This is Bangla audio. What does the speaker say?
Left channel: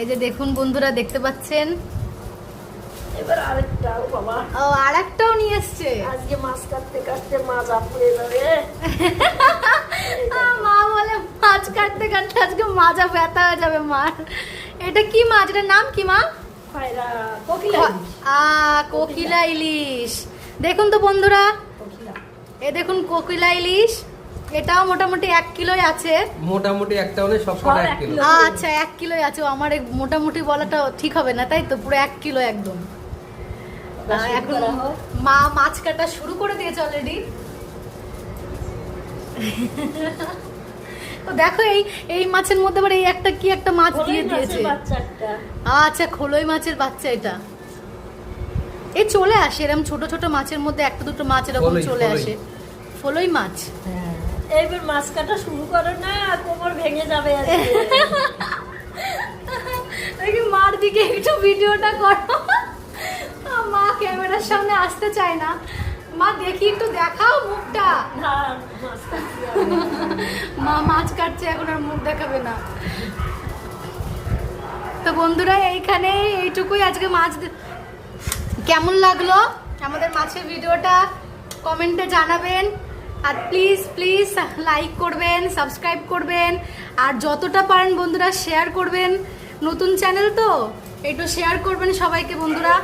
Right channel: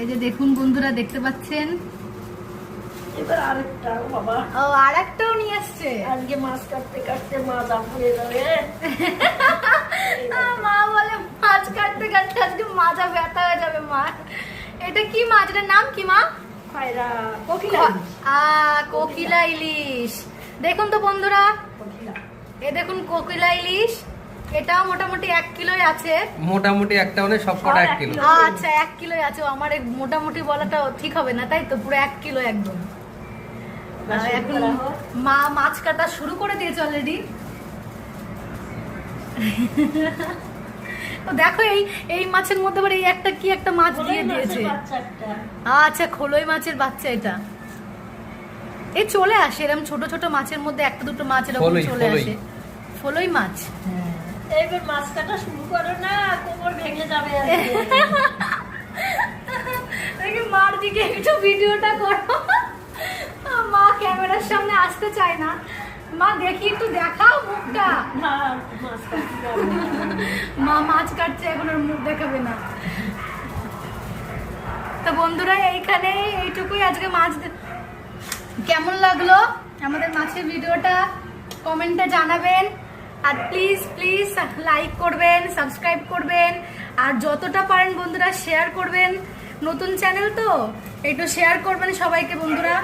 এই যে দেখুন বন্ধুরা, দেখতে পাচ্ছেন এবার আরেকটা বাবা। ও আর একটাও নিয়ে এসছে। আজকে মাছ কাটতে কাটতে মাজা পুড়ে যাবে। মা বলে মাছ কাটতে কাটতে আজকে মাজা ব্যথা হয়ে যাবে মার। এটা কি মাছ? এটার নাম কি মা? খয়রা কোকিলা। কোকিলা ইলিশ। দেখুন তো বন্ধুরা, কোকিলা। এই দেখুন কোকিলা ইলিশ। এটাও মোটামুটি 1 কিলোই আছে। মোটামুটি একটা হলে সব কটা 1 কিলো। আচ্ছা 1 কিলোই আছে। আমার এই মোটামুটি বলাটা ঠিক হবে না, তাই তো? পুরো 1 কিলো একদম। এখন মা মাছ কাটা শুরু করে দিয়েছে অলরেডি। তো দেখো এই মাছের মধ্যে আবার এই একটা কি একটা মাছ দিয়ে দিয়েছে। আচ্ছা খোলই মাছের বাচ্চা এটা। এই চলে আসে এরকম ছোট ছোট মাছের মধ্যে একটা দুটো মাছ এরকম চলে আসে। ফলই মাছ। এইবার মাছ কাটা শুরু করো না, কোমর ভেঙে যাবে। দেখি মার দিকে একটু ভিডিওটা করো। মা ক্যামেরার সামনে আসতে চায় না। মা দেখি একটু দেখাও মুখটা। না, মাছ কাটতে হবে। মা মাছ কাটছে, এখন আর মুখ দেখাবে না। তো বন্ধুরা এইখানে এইটুকুই আজকে মাছ। কেমন লাগলো আমাদের মাছের ভিডিওটা কমেন্টে জানাবেন। আর প্লিজ প্লিজ লাইক করবেন, সাবস্ক্রাইব করবেন, আর যতটা পারেন বন্ধুরা শেয়ার করবেন। নতুন চ্যানেল তো একটু শেয়ার করবেন সবাইকে বন্ধুরা।